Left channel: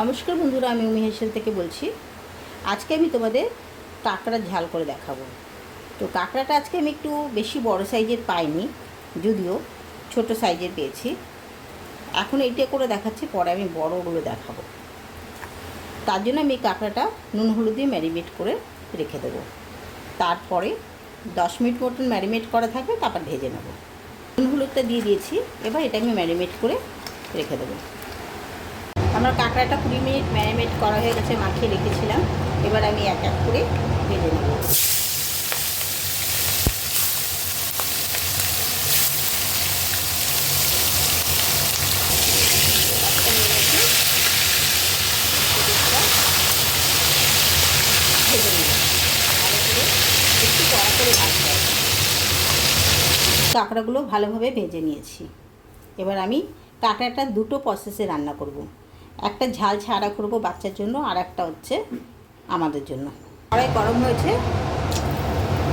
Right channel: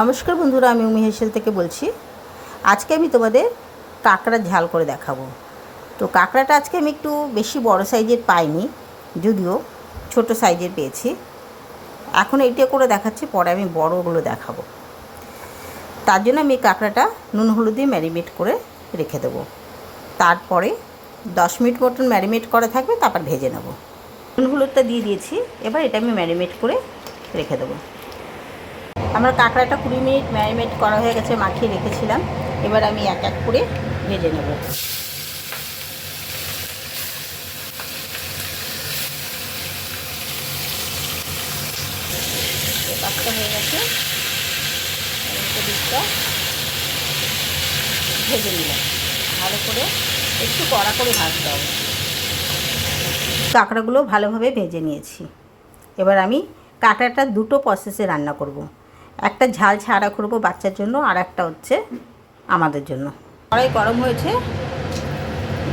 নমস্কার বন্ধুরা, আমি উমি থেকে বলছি। আজকে আমি তোমাদের কাঁকড়ার ঝাল করে দেখাবো। তো কাঁকড়াটা আজকে আমি একটু বেশি বড় সাইজের পাইনি, যদিও ছোট সাইজের পেয়েছি। এখন এইটা করে দেখাচ্ছি, পরে আমি বড়গুলো দেখাবো। তার জন্য আমি কাঁকড়াটা নুন হলুদ দিয়ে ম্যারিনেট করে রেখে দেবো। তারপরে দশ মিনিট মতন ম্যারিনেট করা থাকবে, তারপর ভেজে নেব। নুন হলুদটা দিয়ে দিয়েছি, এবার এটা আমি ম্যারিনেট করে রেখে দেবো। আমার কাঁকড়াটা কুড়ি মিনিট ম্যারিনেট করা হয়ে গেছে, মাখিয়ে রেখেছিলাম। এবার আমি এক এক করে ভেজে নেব। হয়ে গেছে। ভেজে নিলাম। ভালো করে একটু কড়া করে ভাজতে হবে। কাঁকড়াগুলো ভালোভাবে ভেজে নিয়েছি। এবার আমি কাঁকড়াটা দুটো প্রসেসে রান্না করব। একটা ঝাল ছাড়া করব বাচ্চার জন্য, আর একটা হচ্ছে আমাদের জন্য। কড়াই গরম হয়েছে,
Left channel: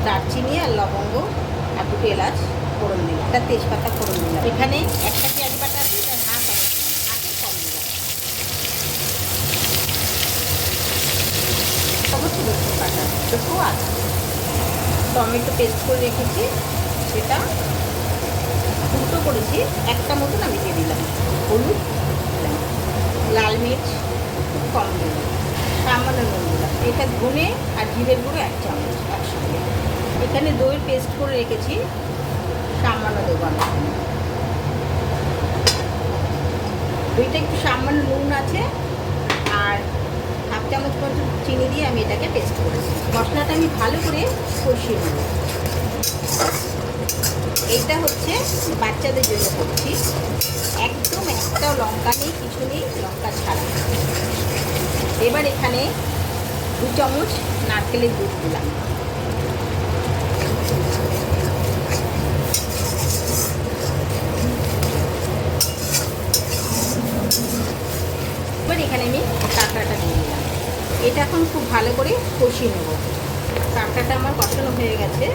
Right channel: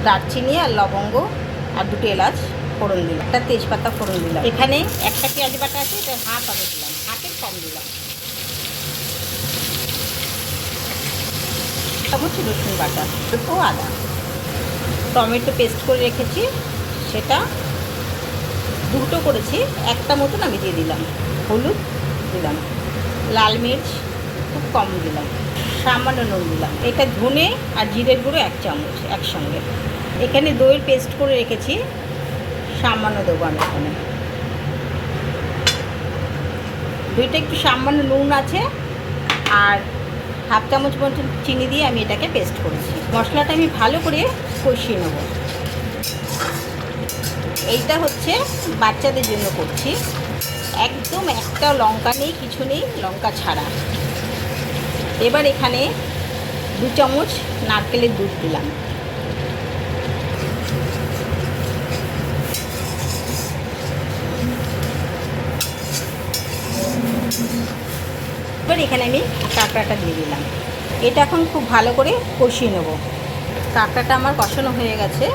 দারচিনি আর লবঙ্গ আর দুটো এলাচ ফোড়ন দিলাম। একটা তেজপাতা ফোড়ন দিলাম। এখানে একটা পেঁয়াজ বাটা আছে, এটা হাফ আগে দিলাম হাফের কম দিলাম। হচ্ছে রসুন বাটা, দুটো আদা। টমেটো পেস্ট করে রেখেছি, সেটা দুটো করেছি, একটা মতন আমি দিয়ে দিলাম, হলুদ দিলাম। লাল মির্চ, খুব কম দিলাম, সামান্য নুন দিলাম। এটা ধনে আর জিরের গুঁড়ো এক চামচ একসঙ্গে। এখানে দইয়ের পেস্ট করে রেখেছি, সামান্য দেবো আমি এখানে। দইটা একটু সামান্য নুন আছে, আর হাফ চামচ মতো চিনি দিয়ে আমি এটাকে পেস্ট করেছি। মশলাটা আমি ভালো করে কষিয়ে নেব। এইটা হচ্ছে বাচ্চাদের জন্য করছি। একদম একটা লঙ্কা নেই, কিছু নেই, লঙ্কা ছাড়া। এবার এখানে দু চামচ নারকেলের দুধ দিলাম। এবার এখানে আমি কাঁকড়াটা দিয়ে দিলাম। এটা এখন খুব ভালো করে কষিয়ে নেব। কাঁকড়াটা আমার কষানো হয়ে গেছে।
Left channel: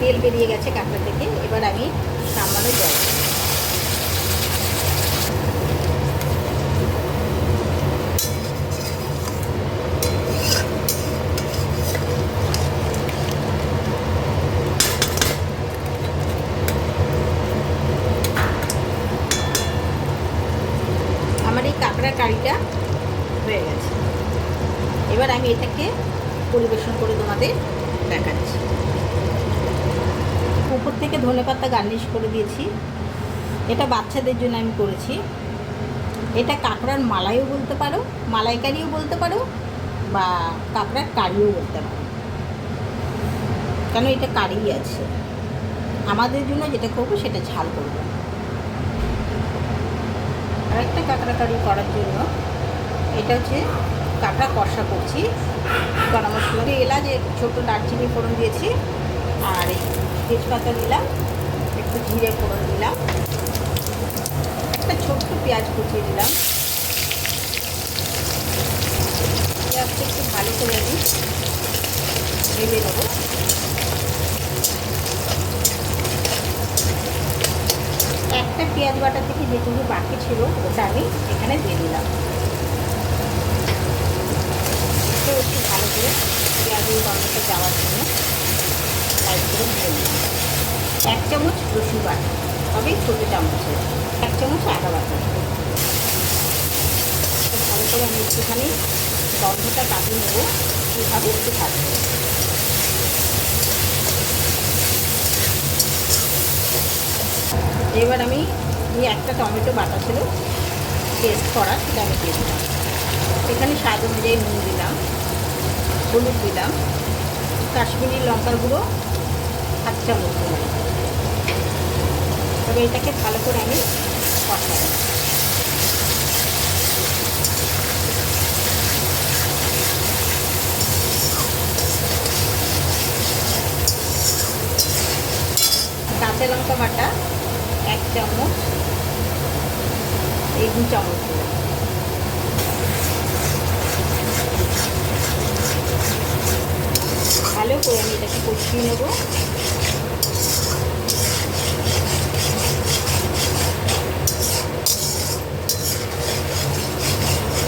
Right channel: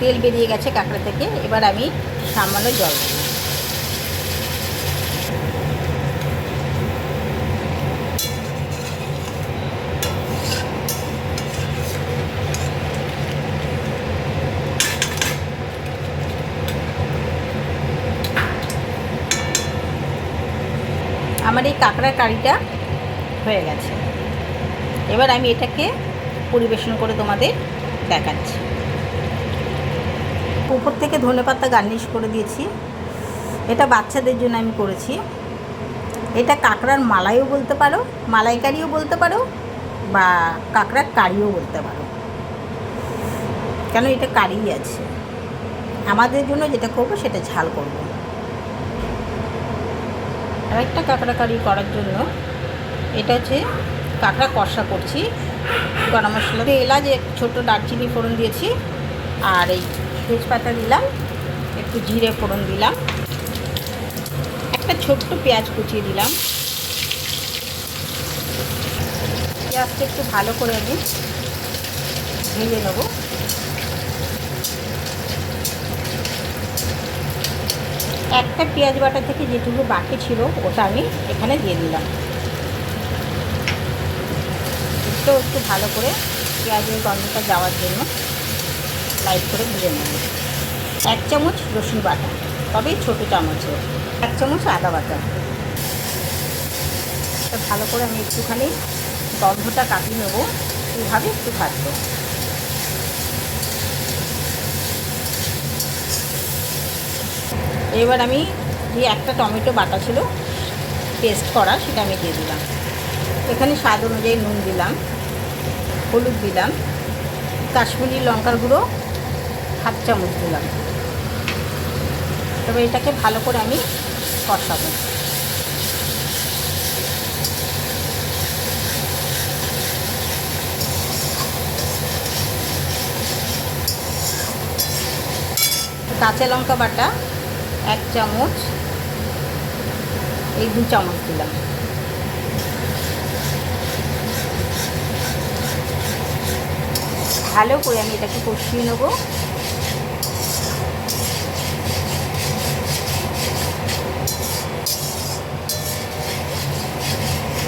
তেল বেরিয়ে গেছে কাঁকড়া থেকে। এবার আমি সামান্য জল দেব আমার এই কাঁকড়া কারিটা হয়ে গেছে। এবার আমি এটাকে পরিবেশন করে তোমাদের দেখাচ্ছি। উপর থেকে ধনে পাতা গার্নিশ করে দিয়েছি। এটা বাচ্চাদের জন্য আমি করেছি। এটা কাঁকড়ার মালাইও বলতে পারো, মালাইকারিও বলতে পারো বা কাঁকড়ার কারিও বলতে পারো। কেন এটা কারি আছে? আমাদের জন্য যেটা করব সেটা ঝাল করব। আরেকটা কাঁকড়া কারি করার জন্য এটা হচ্ছে কাঁকড়া কষা করছি। গরম মশলা দিয়ে এলাচ ছোটো দারচিনি ফোড়ন দিয়েছি। আর এই তেজপাতা দিলাম, একটু জিরে ফোড়ন দিলাম। একটা ছোট্ট পেঁয়াজ কুচিয়ে দিলাম। পেঁয়াজটা একটু ভালো করে আমি ভেজে নেব। একটা পেঁয়াজ বাটা থেকে যেটুকু বাকি ছিল, ওটা আমি এখানে দিয়ে দিলাম। তো একটু ভালো করে পেঁয়াজের গন্ধটা যাওয়ার জন্য লাইট করে ভেজে নিলাম। এক চামচ রসুন বাটা, তবে ছোটো চামচে। এক চামচ আদা বাটা। ভালো করে আমি একটুখানি গন্ধটা কাটিয়ে নেব। কীভাবে একটু থাকবে এবার আমি একটা টমেটো বাটা ছিল পেস্ট করা, সেটা আমি দিয়ে দিলাম। এখানে স্বাদ অনুযায়ী নুন দিলাম, হলুদ দিলাম, কাশ্মীরি লঙ্কার গুঁড়ো, হাফ চামচ দিলাম। তবে এটাকে ভালো করে আমি কষাবো। কাঁচা লঙ্কা বাটা এক চামচ, এই দু চামচ দিলাম। ভালো করে আমি এটাকে কষিয়ে নেব।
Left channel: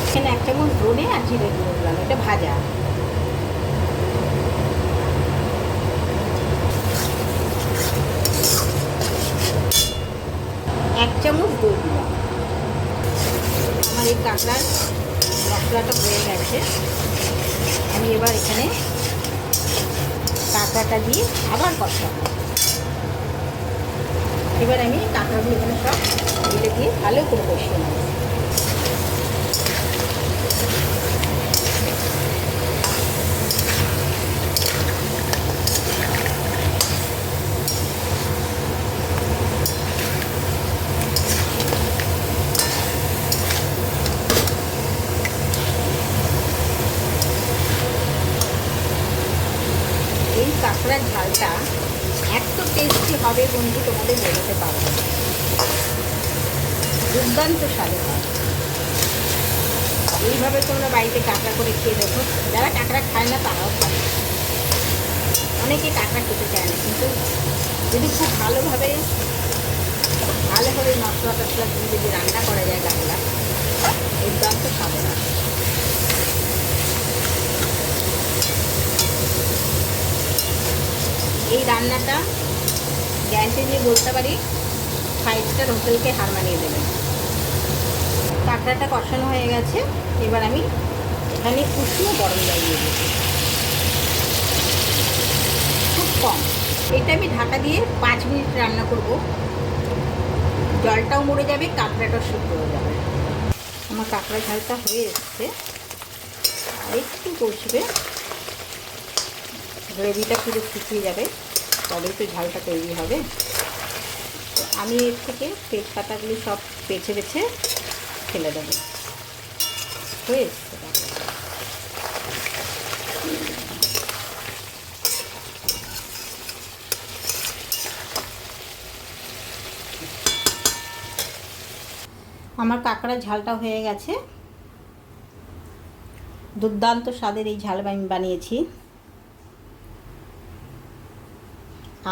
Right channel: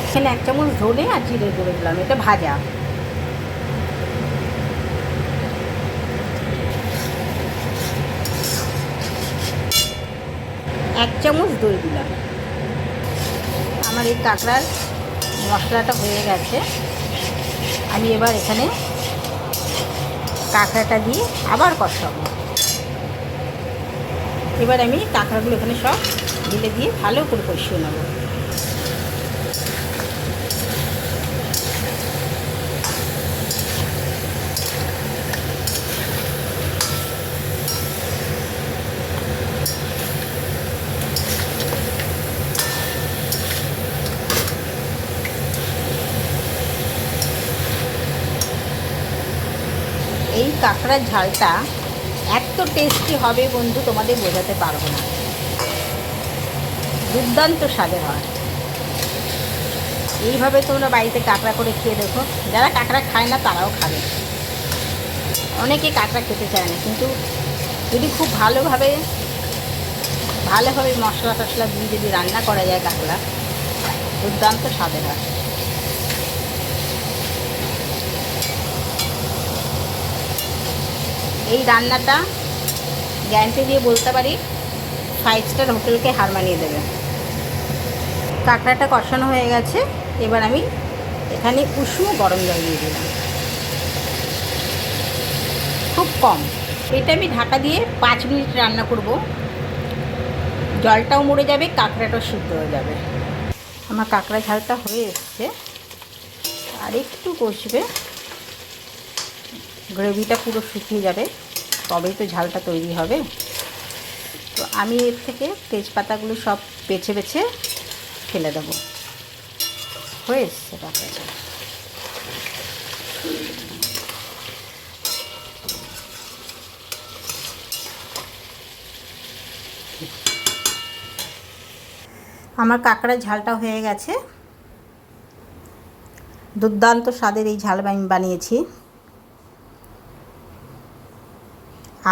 এখানে এক চামচ ধনে আর জিরে গুঁড়ো দিলাম, এটা ভাজা। এক চামচ দই দিলাম। আমার এই কাঁকড়ার মশলাটা হয়ে গেছে। আমি এবার এখানে কাঁকড়াটা দিয়ে আবার কষাবো। এবার আমি কাঁকড়াগুলো এখানে সব দিলে দিয়ে ভালো করে কষিয়ে নেব। কাঁকড়ার ঝালটা এত টেস্টি হবে বন্ধু, তোমাদের বোঝাতে পারব না। দুর্দান্ত স্বাদের হয়। এইভাবে তোমরা বাড়িতে কাঁকড়া করে খেয়ে দেখো। যারা কাঁকড়া খায় না, তারাও খাবে। অনেকে কাঁকড়া খেতে চায় না, কিন্তু যদি খুব ভালোভাবে ভালোভাবে মশলা টশলা দিয়ে যদি রান্না করা যায় কাঁকড়া, দুর্দান্ত স্বাদের হয়। এই রান্নাটা গ্যারান্টি দিয়ে বলতে পারি ফাইভ স্টার হোটেলকে হার মানিয়ে দেবে। কাঁকড়াটা কষানো হয়ে গেছে, এবার আমি এখানে উষ্ণ গরম জল দিয়ে দিলাম। খুব কম। এটা আমি ঢাকা দিয়ে পাঁচ মিনিট রান্না করব। জলটাও মরে যাবে, কাঁকড়াটাও সিদ্ধ হয়ে যাবে। আমার কাঁকড়া ঝালটা হয়ে এসছে। আর একটু কষবে গ্রেভিটা পুরো শুকিয়ে যাবে। তবেই তো ঝালটা তৈরি হবে। তো আমি এর থেকে তেজপাতাগুলো সব বেছে বেছে ফেলে দেবো। হয়ে এসছে। আমার কাঁকড়ার ঝালটা হয়ে গেছে। দুর্দান্ত স্বাদের এই ঝাল আমি বানিয়েছি।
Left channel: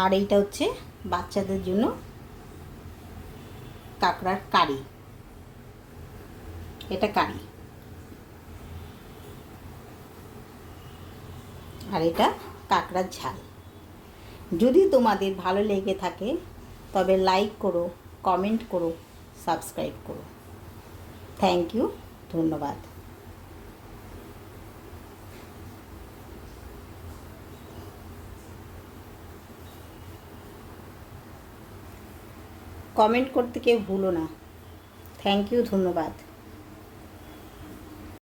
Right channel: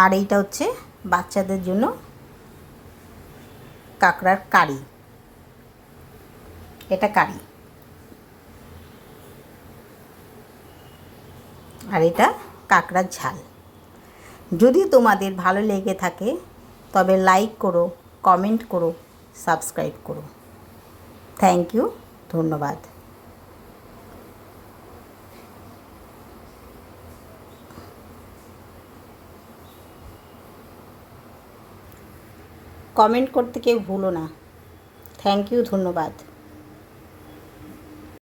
আর এইটা হচ্ছে বাচ্চাদের জন্য কাঁকড়ার কারি। এটা কারি। আর এটা কাঁকড়ার ঝাল। যদি তোমাদের ভালো লেগে থাকে, তবে লাইক করো, কমেন্ট করো, সাবস্ক্রাইব করো। থ্যাংক ইউ, ধন্যবাদ। কমেন্ট করতে কেউ ভুলো না। থ্যাংক ইউ ধন্যবাদ।